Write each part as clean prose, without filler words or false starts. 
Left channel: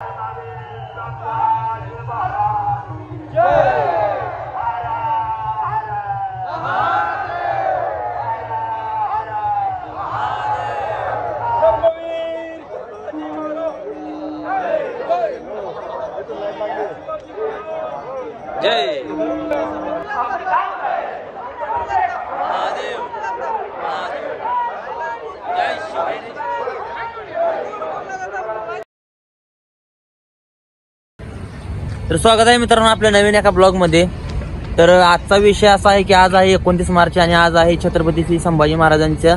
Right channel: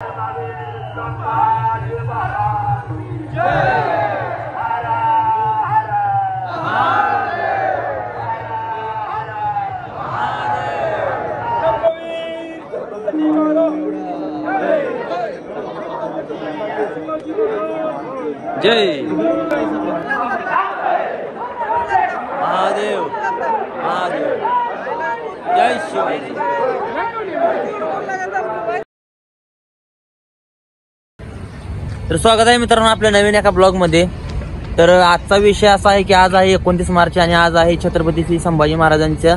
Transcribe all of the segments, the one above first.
जय महादेव महादेव जय शिवाजी। तर स्वागत आहे मित्रांनो आपल्या नवीन एका ब्लॉग मध्ये। तर आजचा विषय असा आहे की आज आहे 29 मार्च आणि आज आहे छत्रपती श्री संभाजी महाराजांचा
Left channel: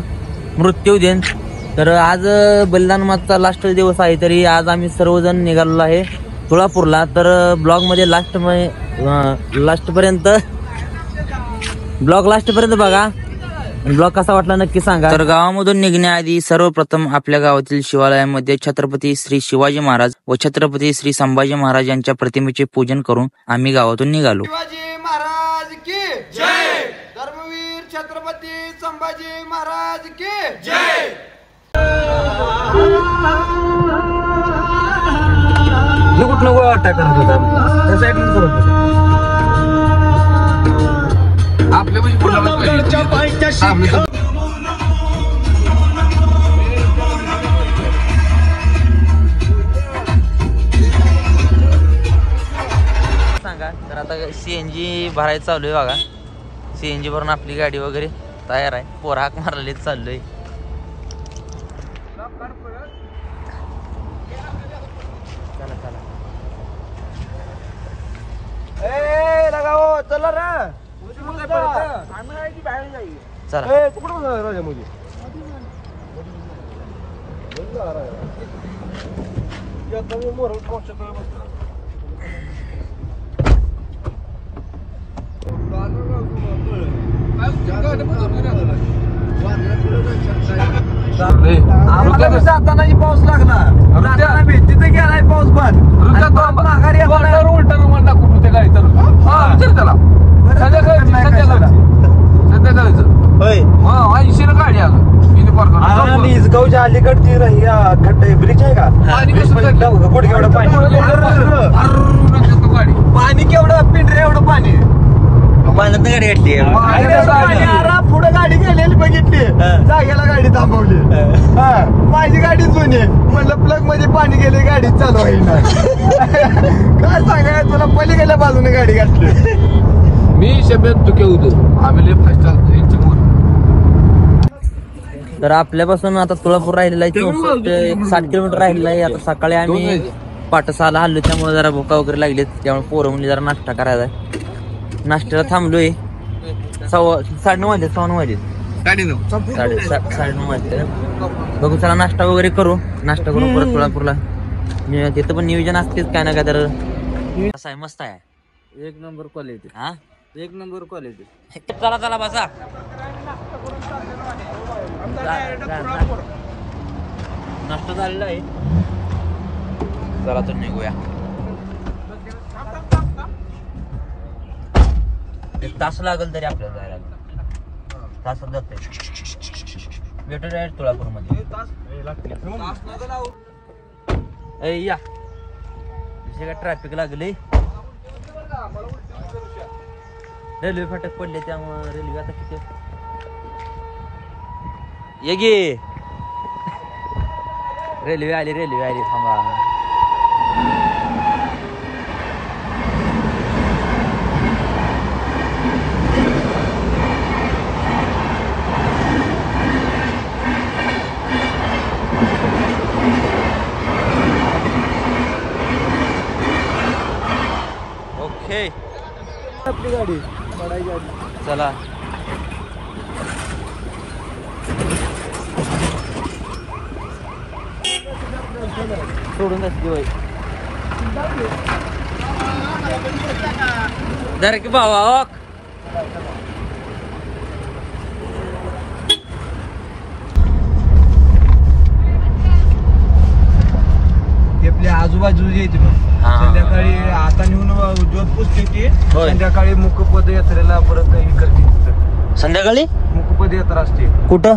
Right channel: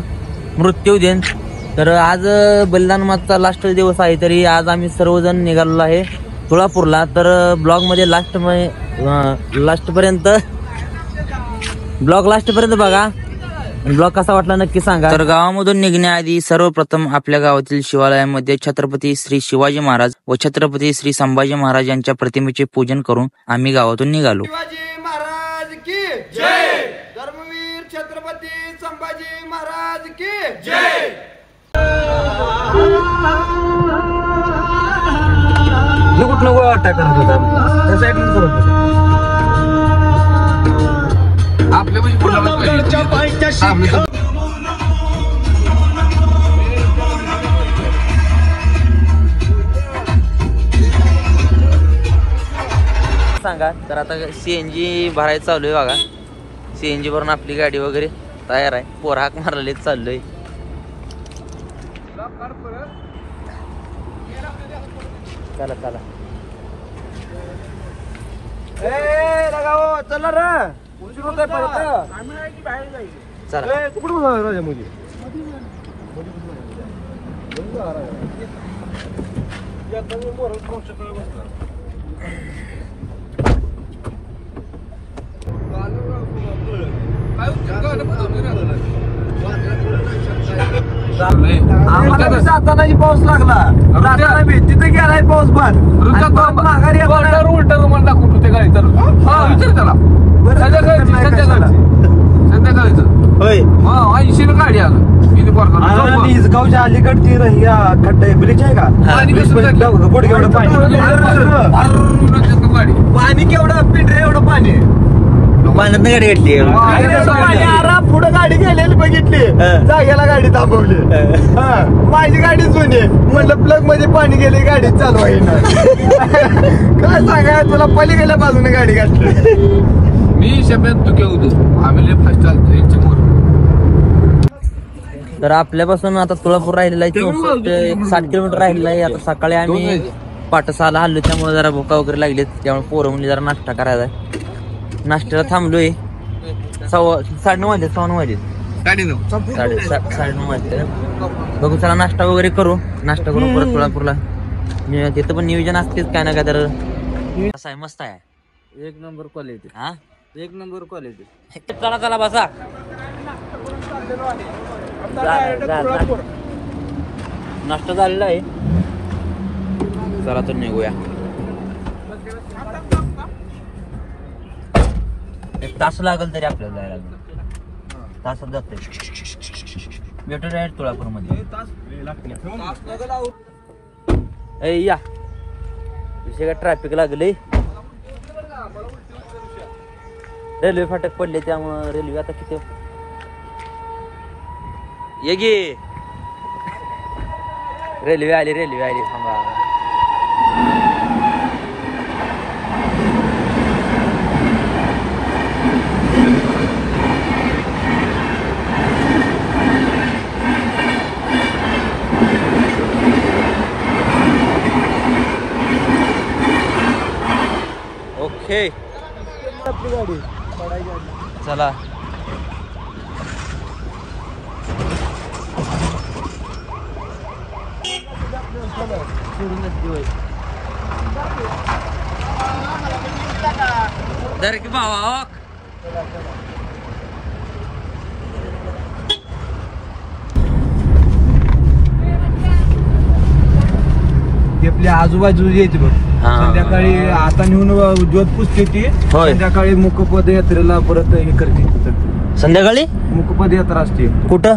मृत्यू दिन। तर आज बलिदान मासचा लास्ट दिवस आहे, तरी आज आम्ही सर्वजण निघालेलो आहे तुळापूरला। तर ब्लॉग मध्ये लास्ट पर्यंत बघा। ब्लॉग कसा वाटला नक्की सांगा। तर गावामधून निघण्याआधी सर्वप्रथम आपल्या गावातील शिवालयामध्ये छत्रपती श्री शिवाजी महाराज व छत्रपती श्री संभाजी महाराज यांच्या प्रतिमेचे पूजन करून आम्ही गावातून निघालो। शिवाजी महाराज की जय। धर्मवीर छत्रपती संभाजी महाराज की जय। कुठलं अटॅक करत होता त्या साईडला करत होता आपल्या सांगा। तर आता सीएनजी भरायचं चालू आहे बघा। सीएनजी भरून आपली गाडी वगैरे तयार आहे, पोर हाक मारलेली चाललोय। चला चला चला रे चला आम्हाला जाताना पाऊस लागला, जाताना बी तिथे गेलाय पाऊस पण माघारी उलट रुमाल दाखवून होते गाडी। तर हा विचार त्याला संध्याकाळी गाडी आलं गावच्या अलीकडची ब्रिज आहे का गुडघेवढं पाणी, पाणी केवढं पिंढरे एवढं पाणी पुढे गाडी गेलेली बघितली, जागेला गाडी थांबवली। माझी गाडी जुनी म्हटलं प्लग मध्ये पाणी गेले गाडी चालू आहे ना। काय सांगाय तुला पलीकडल्या बाजूने गाडी घातली मी शब्दात तुके होतो आम्ही फास्ट चालतो। तर आपल्यापासून आता तुळापूर राहिलेला आहे 60 किलोमीटर राहिलेला आहे। आता सकाळी आम्ही पाठसाला हल्लो, त्यामुळे जरा भुका वगैरे लागलीत, त्यामुळे पोरं म्हणजे जरा नाश्ता करायचा आहे। नाश्त्याला थांबलोय 9:30 वाजले 9:15 वाजले 9:30 वाजले। बघू चला नाश्ता वगैरे करू, नाश्ता करू परत तुळापूरला। तिथं पण नियोजन असतेच काय ना काय। तर असं आहे, मस्त आहे, एक नंबर क्वालिटी। हा एक नंबर क्वालिटी। चला चला बसा। नाश्ता झालेला आहे, चला तर निघूया। एक तास लागेल तरी आपल्याला जायला, तासात जाते। भेटू डायरेक्ट तुळापूर मध्ये या का ट्रॅफिक लागले, रेल्वे फाटक पडले, त्यामुळे रेल्वे आता किती ये गे रेल्वे आली थांबा। ओके चला सोडून जरा की भावा आजूबाजू यायची संध्याकाळी आता नेऊन जॉब पुसते ती, संध्याकाळी मुकपद यात्रेला परत हे करते। संध्याकाळी मुकपद यात्रा असते कुठं?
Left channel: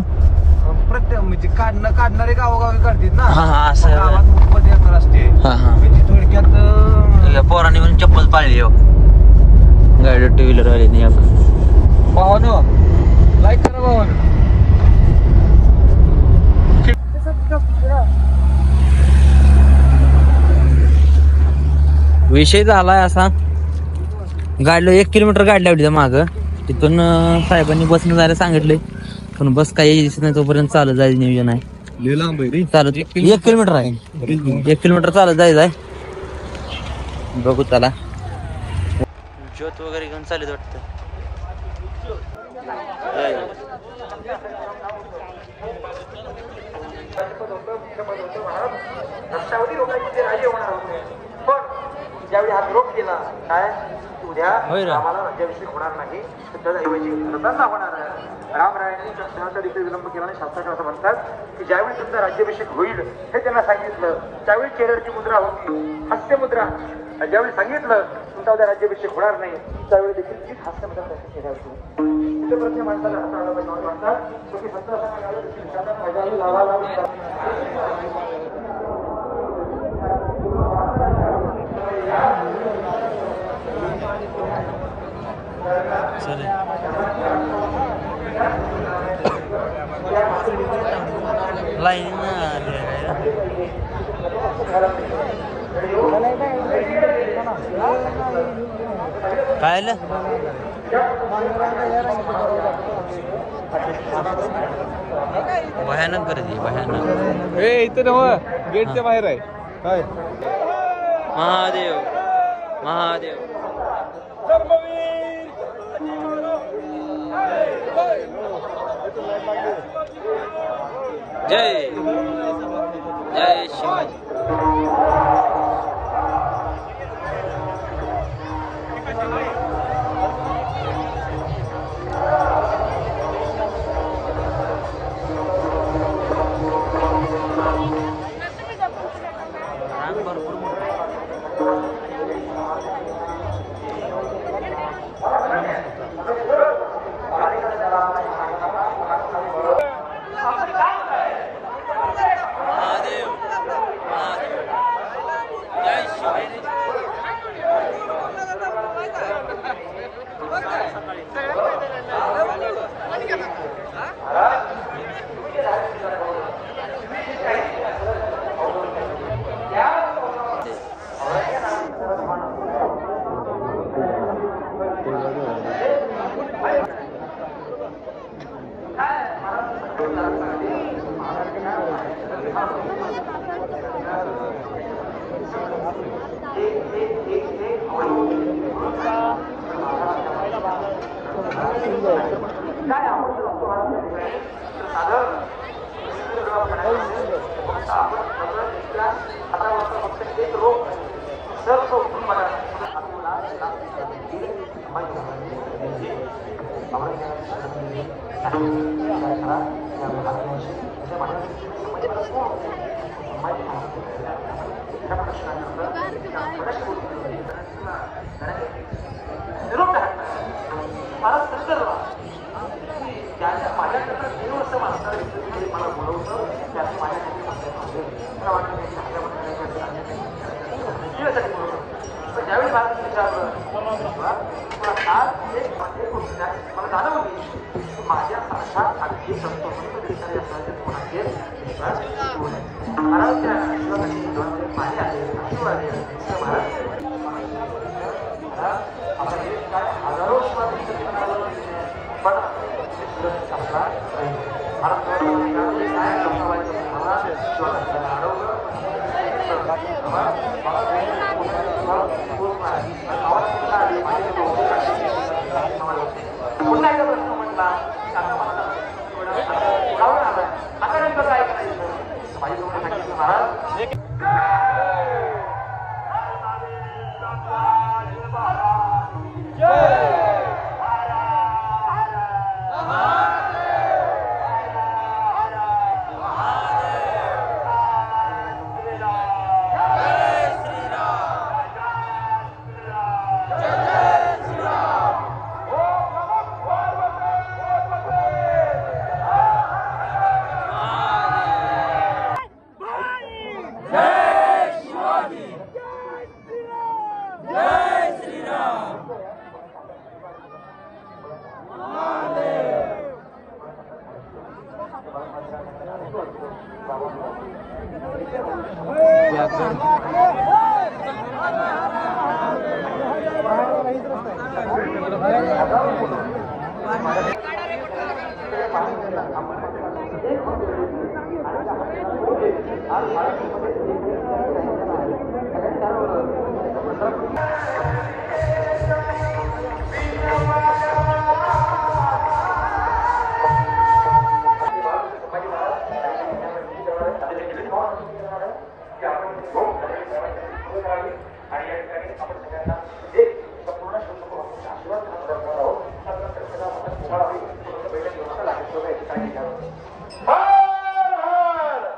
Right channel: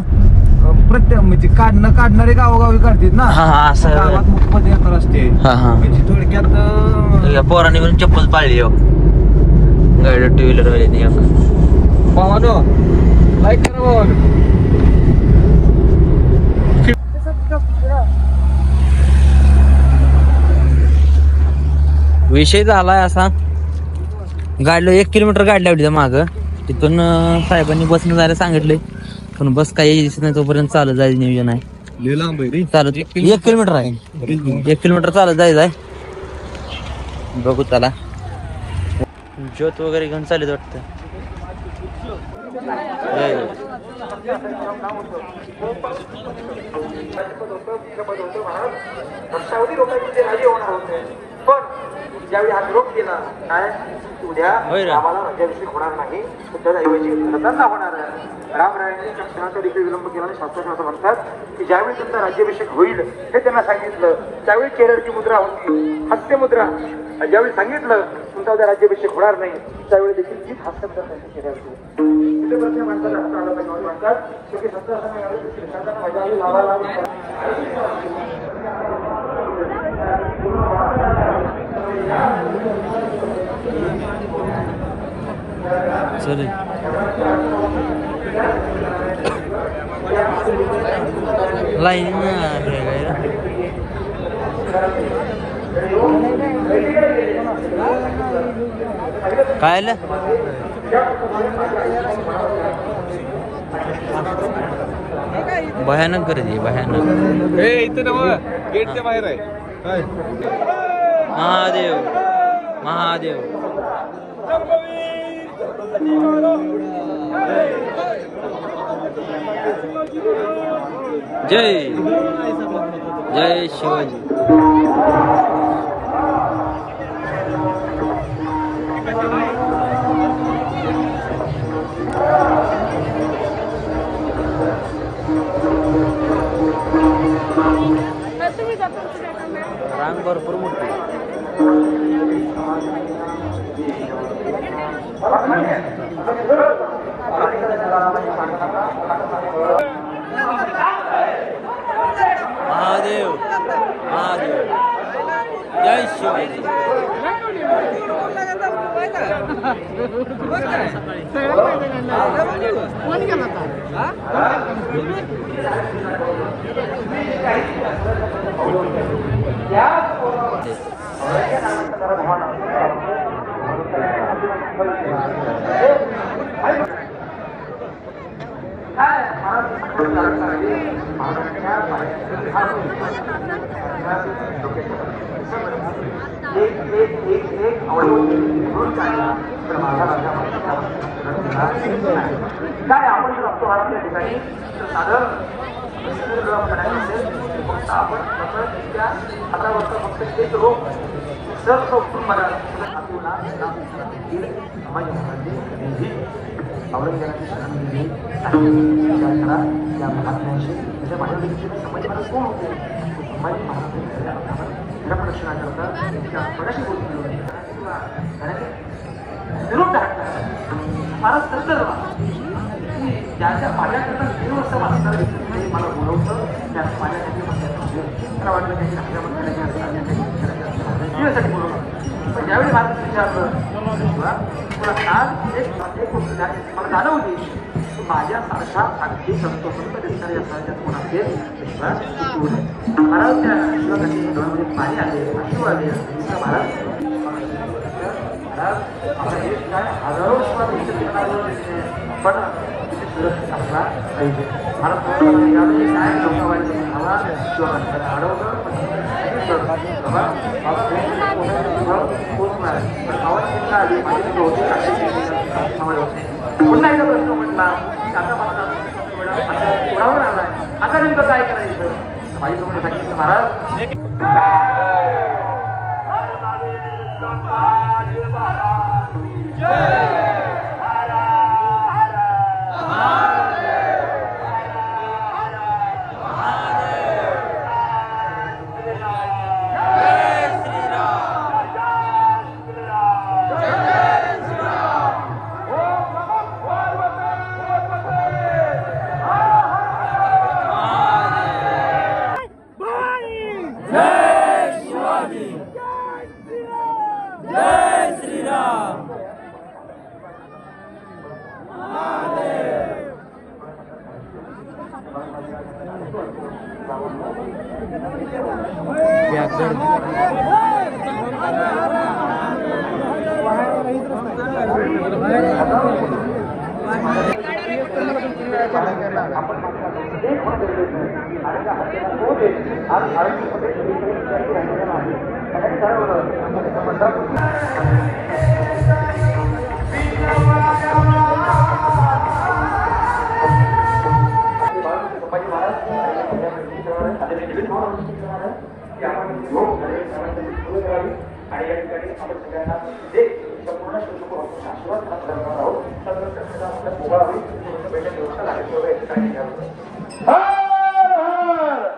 प्रत्येक म्हणजे काढणारे गावोगावी काढतात ना, हा, असं. गावात मुख्य पदयात्रा असते. म्हणजे थोडक्यात या पोराने म्हणून चप्पल पाळली हो गाडी टू व्हीलर वाले भावानो लाईक करा भावानो. विषय झालाय असा, गाडीला 1 किलोमीटर गाडी लावली माग, तिथून साहेबांनी बसनं जायला सांगितलंय, पण बस काही दिसत नाही तोपर्यंत चालत जायचं नियोजन आहे. चालत 1 किलोमीटर आहे, 1 किलोमीटर चालत जायचं आहे. बघू त्याला ज्योत वगैरे घेऊन चालत वाटतं. राष्ट्रवादी लोकांचे जे राजे होणार होते, पण ज्यावेळी आग्रह केला काय उद्या आम्हाला राज्याभिषेक होणार नाही, त्याऐवजी रथांना होणार आहे. रामरायांनी क्षणाचा देखील विलंब केला आणि शास्त्रज्ञ असं म्हणतात की ज्यावेळी तुमचा राज्याभिषेक होईल हे त्यांना सांगितलं, त्यावेळी केरळची मुद्रा होती हास्य मुद्रा. ज्यावेळी सांगितलं तुमचा उद्या राज्याभिषेक होणार नाही, त्यावेळी देखील तीच हास्य मुद्रा त्यांनी केरळची माणसाला म्हणतात की चालेल. लाईन काय आलं भयानक गर्दी, भयानक. इथं गेटच्या बाहेर आहे. महादेव महादेव जय जय शिवाजी. रांग भरपूर मोठी. महादेव महादेव जय शिवाजी.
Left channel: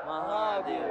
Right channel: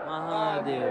महादेव